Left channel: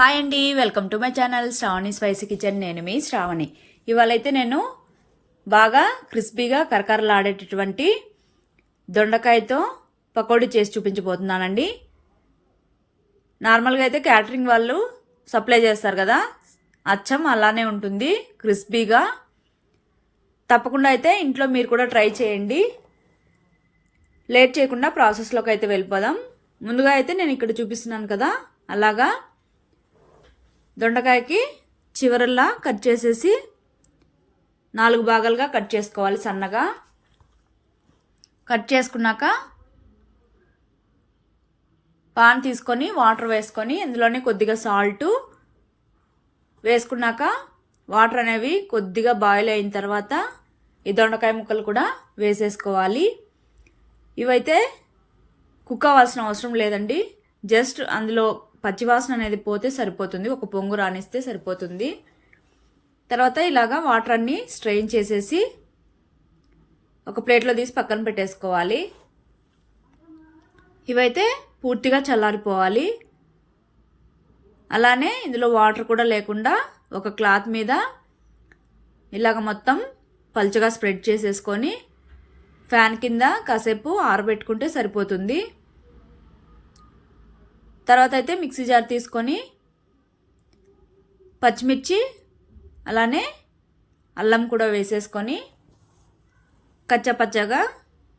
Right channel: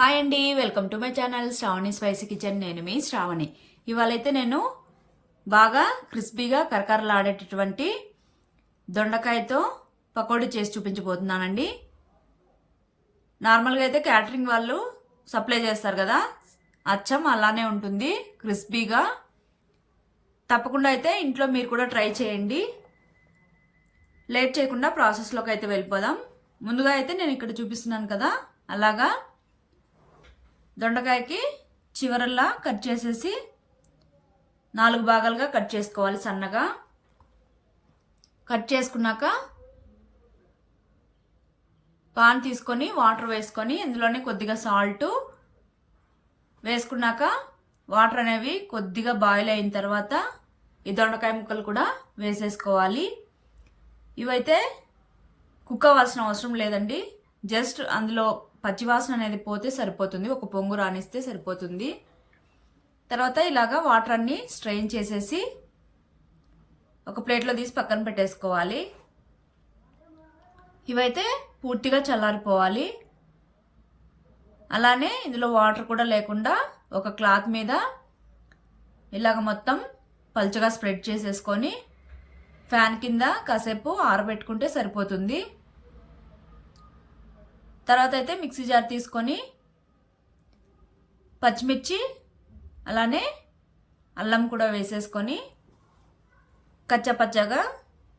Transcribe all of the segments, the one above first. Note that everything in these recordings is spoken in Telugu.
హాయ్ అండి, welcome to my channel Shravani spicy kitchen. నేను మీ శ్రావణి. ఇవాళైతే నేను బాగా క్రిస్పీగా కరకరలాడేటటువంటి దొండకాయతో పకోడీ చేసి చూపించబోతున్నానండి. నార్మల్గా అయితే క్యాటరింగ్ వాళ్ళు సప్లై చేస్తారు కదా, అచ్చం అలానే ఉంటుంది క్రిస్పీగా. తప్పకుండా అయితే ఇంట్లో మీరు కూడా ట్రై చేయండి. లేట్ చేయకుండా ప్రాసెస్లోకి అయితే వెళ్ళిపోదాం. ముందుగా అయితే నేను ఇక్కడ చూపిస్తున్నాను కదా, అలాగా దొండకాయకి చివరల్లా కట్ చేసేసి 4 భాగాలుగా కట్ చేసుకోవాలి. సన్నగా కట్ చేసుకున్నాక పాన్ తీసుకొని వాటర్ వేసుకొని ఇందులోనే కొద్దిగా సాల్ట్ వేసుకున్నాక వాటర్ అనేవి కొద్దిగా బాయిల్ అయిన తర్వాత ఈ దొండకాయ ముక్కలు కూడా వేసేసుకోవాలి. ఇవైతే కుక్ అవ్వాల్సిన అవసరం లేదండి, జస్ట్ అందులో పచ్చివాసన అనేది పోతే సరిపోతుంది, ఒక పొంగు రానిస్తే సరిపోతుంది. తర్వాత ఇలాగా వాటర్ అన్ని స్ట్రెయిన్ చేసేసి ఒక ప్లేట్లో తీసి పక్కన పెట్టేసుకోవాలి. ఇవైతే పూర్తిగా చల్లారిపోవాలి. అలానే ఇందులో వాటర్ కూడా లేకుండా ఒక క్లాత్ మీద ఇలాగ మొత్తం పల్చగా స్ప్రెడ్ చేసేసుకొని ఫ్యాన్ కింద కాసేపు ఆరబెట్టుకుంటే సరిపోతుంది. తర్వాత అయితే మిక్సీ జార్ తీసుకొని పచ్చిమిర్చి అలానే అల్లం కూడా వేసేసుకొని కచ్చపచ్చగా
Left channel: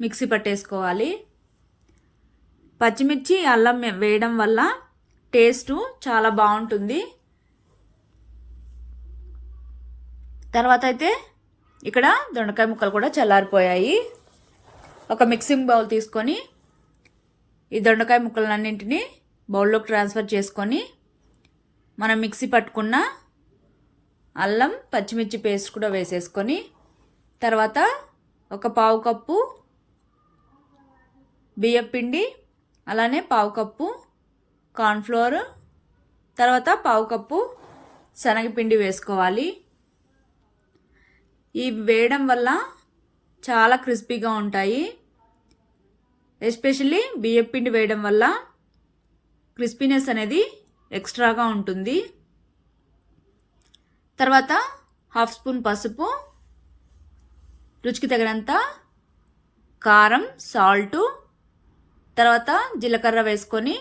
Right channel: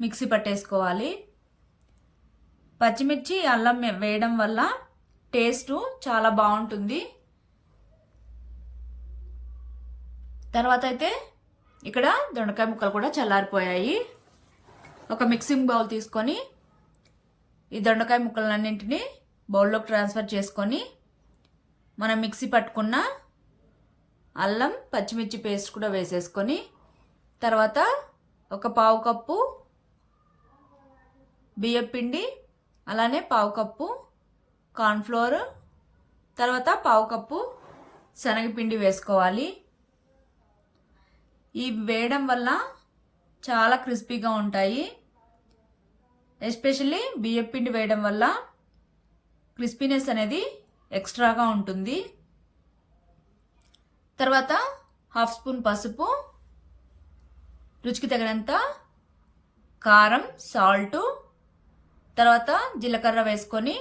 మిక్సీ పట్టేసుకోవాలి. పచ్చిమిర్చి అల్లం వేయడం వల్ల టేస్ట్ చాలా బాగుంటుంది. తర్వాత అయితే ఇక్కడ దొండకాయ ముక్కలు కూడా చల్లారిపోయాయి. ఒక మిక్సింగ్ బౌల్ తీసుకొని ఈ దొండకాయ ముక్కలన్నింటినీ బౌల్లోకి ట్రాన్స్ఫర్ చేసుకొని మనం మిక్సీ పట్టుకున్న అల్లం పచ్చిమిర్చి పేస్ట్ కూడా వేసేసుకొని తర్వాత ఒక పావు కప్పు బియ్యం పిండి అలానే పావు కప్పు కార్న్ఫ్లోర్ తర్వాత పావు కప్పు శనగపిండి వేసుకోవాలి. ఇవి వేయడం వల్ల చాలా క్రిస్పీగా ఉంటాయి. ఎస్పెషల్లీ బియ్యం పిండి వేయడం వల్ల క్రిస్పీనెస్ అనేది ఎక్స్ట్రాగా ఉంటుంది. తర్వాత హాఫ్ స్పూన్ పసుపు, రుచికి తగినంత కారం, సాల్ట్, తర్వాత జీలకర్ర వేసుకొని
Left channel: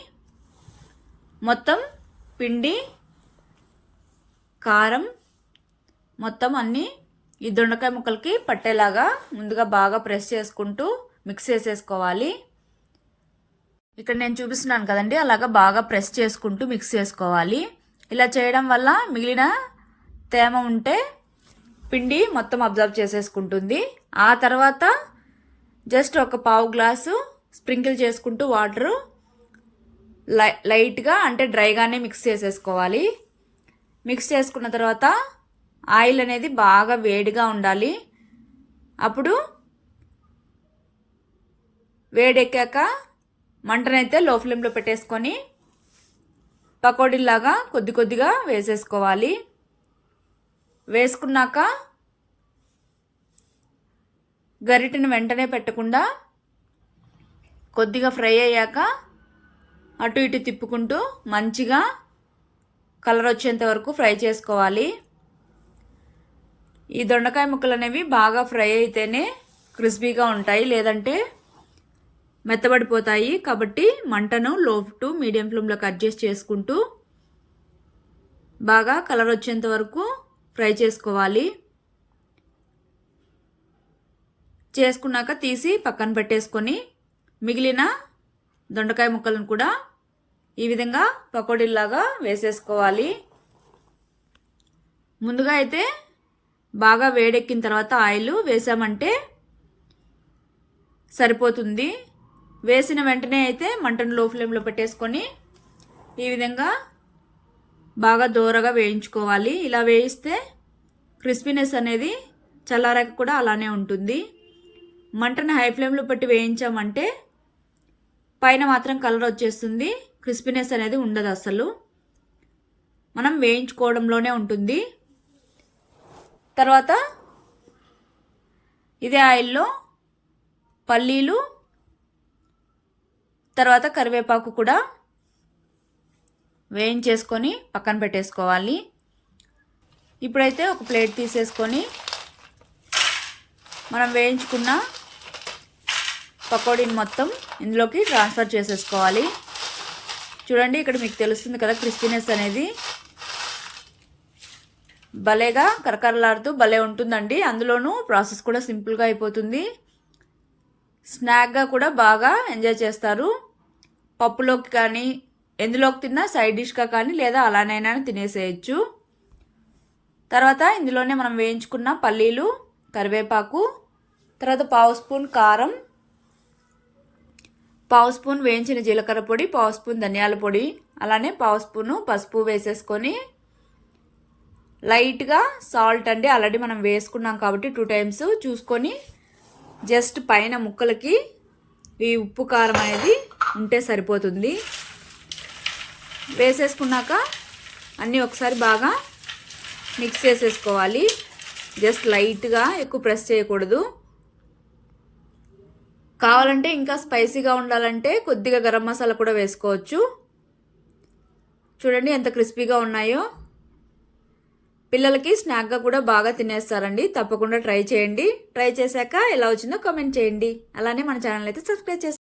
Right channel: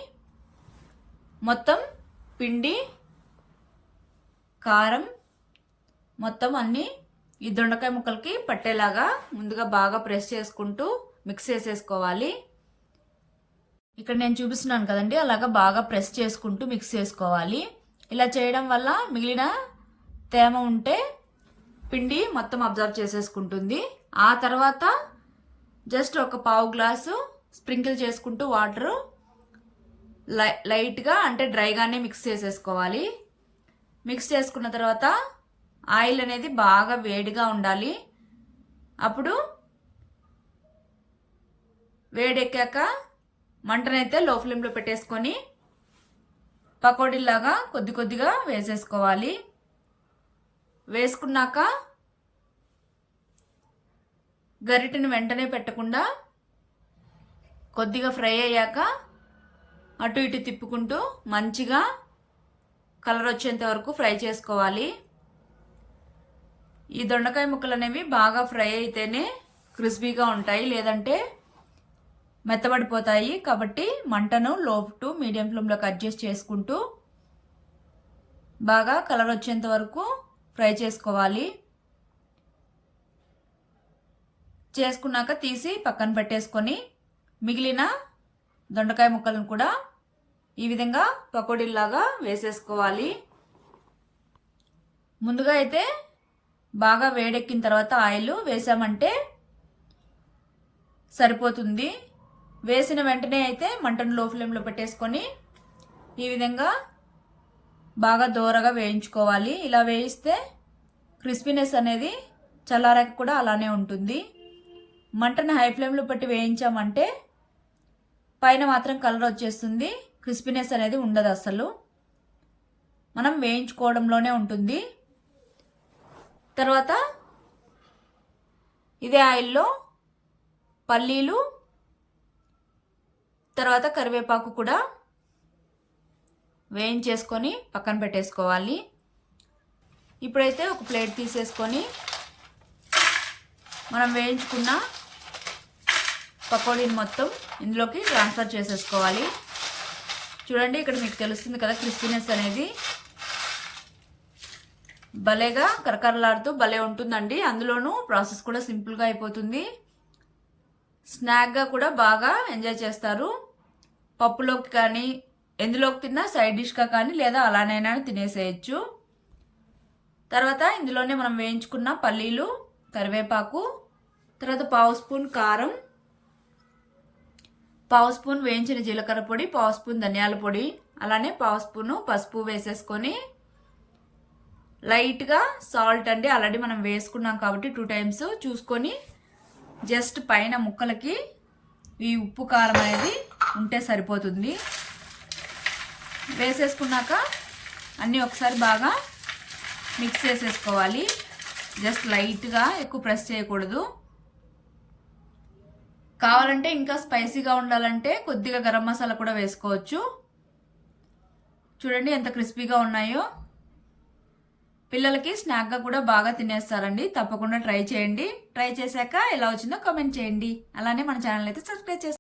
మొత్తం పిండి కారం మొత్తం అన్నీ ఈ దొండకాయ ముక్కలకి పట్టేలాగా ముందుగా బాగా ప్రెస్ చేసుకుంటూ మిక్స్ చేసేసుకోవాలి. ఇక్కడ నేను చూపిస్తున్నాను కదండి, అలాగా బాగా ప్రెస్ చేసుకుంటూ మిక్స్ చేసుకోవాలి. ఇలా చేయడం వల్ల మిగిలిన తేమ ఉంటే పిండి మొత్తం అబ్జర్వ్ చేసేసుకుంటుంది. ఆ తర్వాత జస్ట్ ఒక పావు గ్లాసు స్ప్రింకిల్ చేసుకుంటూ వాటరు లైట్గా అంటే డ్రైగానే మిక్స్ చేసేసుకోవాలి. మిక్స్ చేసుకున్న తర్వాత ఆయిల్ అనేది బాగా వేడిగా ఉండాలి. అప్పుడు వేడెక్కాక మంటనైతే లో ఫ్లేమ్లో పెట్టేసుకొని పకోడీలాగా కొద్ది కొద్దిగా వేసేసుకోవాలి. వేసుకున్నాక గరిటెను వెంటనే పెట్టకుండా కొద్దిగా ఫ్రై అయ్యాక అటు ఇటు తిప్పుకుంటూ మంచిగా కలర్ వచ్చేంత వరకు ఫ్రై చేసుకోవాలి. ఈ దొండకాయ ముక్కలు అనేవి బాగా ఫ్రై అయితేనే క్రిస్పీగా ఉంటాయి, లేదంటే మెత్తబడిపోతాయి. కాబట్టి మంటను లో టు మీడియం ఫ్లేమ్లోకి అడ్జస్ట్ చేసుకుంటూ బాగా కలర్ వచ్చేంత వరకు ఫ్రై చేసుకోవాలి. చేసుకున్నాక తీసి పక్కన పెట్టేసుకొని మిగిలిన దొండకాయ ముక్కలను కూడా ఈ విధంగా పకోడీలాగా వేసేసుకోవాలి. ముందుగా అయితే బాగా వేడెక్కిన తర్వాత ఆయిల్ వేసామంటే సరిపోతుంది. వేసిన వెంటనే అయితే మంటను లో ఫ్లేమ్లో పెట్టేసుకొని ఈ విధంగా బాగా దోరగా వేయించుకోవాలి. ఇలా వేయిస్తే క్రిస్పీనెస్ అనేది చల్లారాక కూడా అలానే ఉంటుంది. మంటను హై ఫ్లేమ్లో పెట్టి వేయించామంటే పైన మాత్రం కలర్ వచ్చేస్తుంది, క్రిస్పీనెస్ అనేది ఉండదు అసలు. మనం వేయించుకోవడంలోనే ఉంటుంది. తర్వాత ఇదే ఆయిల్లో పల్లీలు తర్వాత కరివేపాకు కూడా వేయించేసుకొని పక్కన పెట్టేసుకోవాలి. ఇప్పుడైతే ఒక ప్లేట్ తీసేసుకొని మనం వేయించుకున్న పకోడీని మొత్తం ఇందులోకి ట్రాన్స్ఫర్ చేసేసుకోవాలి. చూడండి, ఇక్కడ మీకు తెలుస్తుంది కదా క్రిస్పీనెస్ అనేది భలేగా కరకరలాడుతూ భలే ఉంటుందండి. అందులోనూ ప్రాసెస్ కూడా సింపుల్గా అయిపోతుంది. స్నాక్గా కూడా బాగా ఎంజాయ్ చేస్తారు. పప్పులోకి కానీ ఎందులోకి తిన్నా సైడ్ డిష్గా కానీ లేదా అలానైనా తినేసేయచ్చు. తర్వాత ఇందులోనే మనం వేయించుకున్న పల్లీలు, కరివేపాకు, తర్వాత 1/2 స్పూన్ కారం, 1/2 స్పూన్ వేయించిన జీలకర్ర పొడి, 1/2 స్పూన్ ధనియాల పొడి, అలానే 1/2 స్పూను పసుపు వేసేసుకొని లైట్గా సాల్ట్ అండి, ఆల్రెడీ మనం వేసుకున్నాం కాబట్టి 2 టైమ్స్ చూసుకొని జస్ట్ పైన ముక్కలకి ఈ ఉప్పు కారం అనేది ఉంటే సరిపోతుంది. వేసేసుకున్నాక అన్నీ ఒకసారి బాగా మిక్స్ చేసేసుకోవాలి. జస్ట్ లైట్గా, ఎక్కువ ప్రెస్ చేయకూడదు. కావాలంటే ఇంకా స్పైసీగా ఉండాలంటే కొద్దిగా గరం మసాలా కూడా వేసుకోవచ్చు. చూడండి ఎంత క్రిస్పీగా ఉన్నాయో. పిల్లలకి స్నాక్గా కూడా బాగా తినేస్తారండి. తప్పకుండా ట్రై చేయండి. ట్రై చేశాక ఎలా వచ్చిందో కామెంట్ చేయండి. అలానే మన ఛానల్ అయితే సబ్స్క్రైబ్ చేయండి.